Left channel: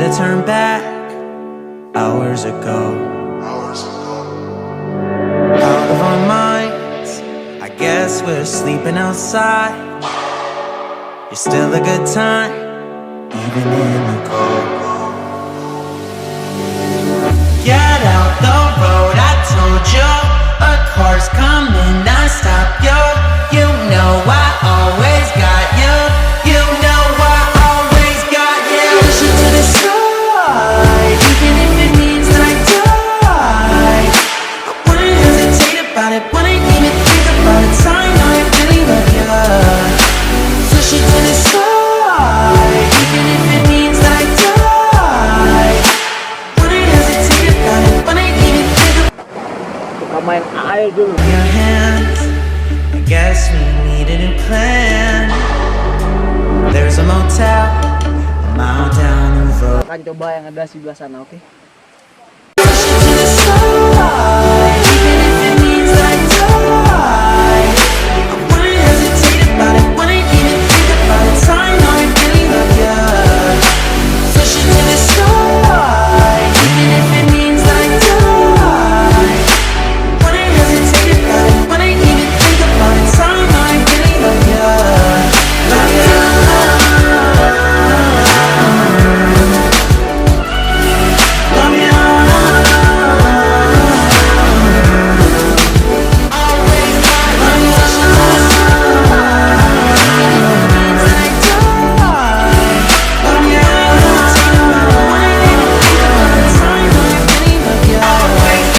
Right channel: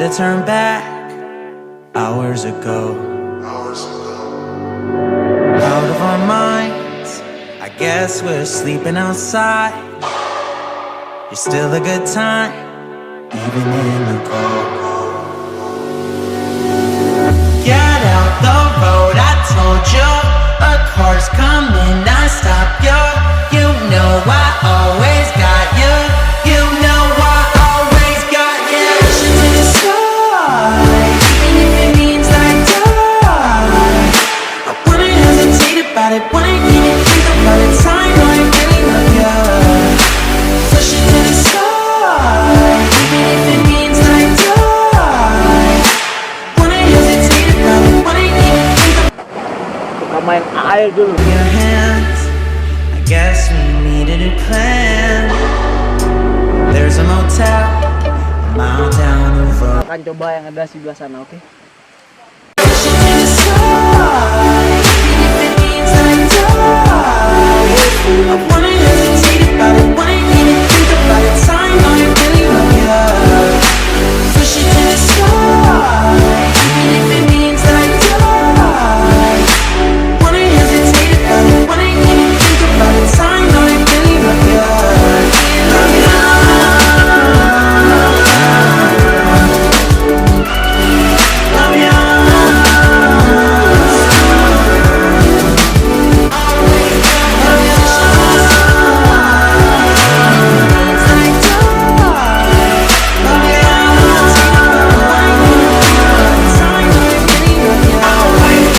should've turned back hours ago. Out of our minds, I guess we're sleeping outside. You're still a good time, even in the cold. Get out the road, I told you. A car's coming, I stop you. You know I always got you. You know I always got you. Push you to the side, even if it means that I die. I wouldn't hesitate about it, wouldn't even think about it. Time I really love you. Push you to the side, even if it means that I die. Wouldn't hesitate about it, wouldn't even think about it. Main air dulu. Your hands, I guess we need a new plan. There's a motel a mile down the road. Akan coba yang ada sebelah sana, oke?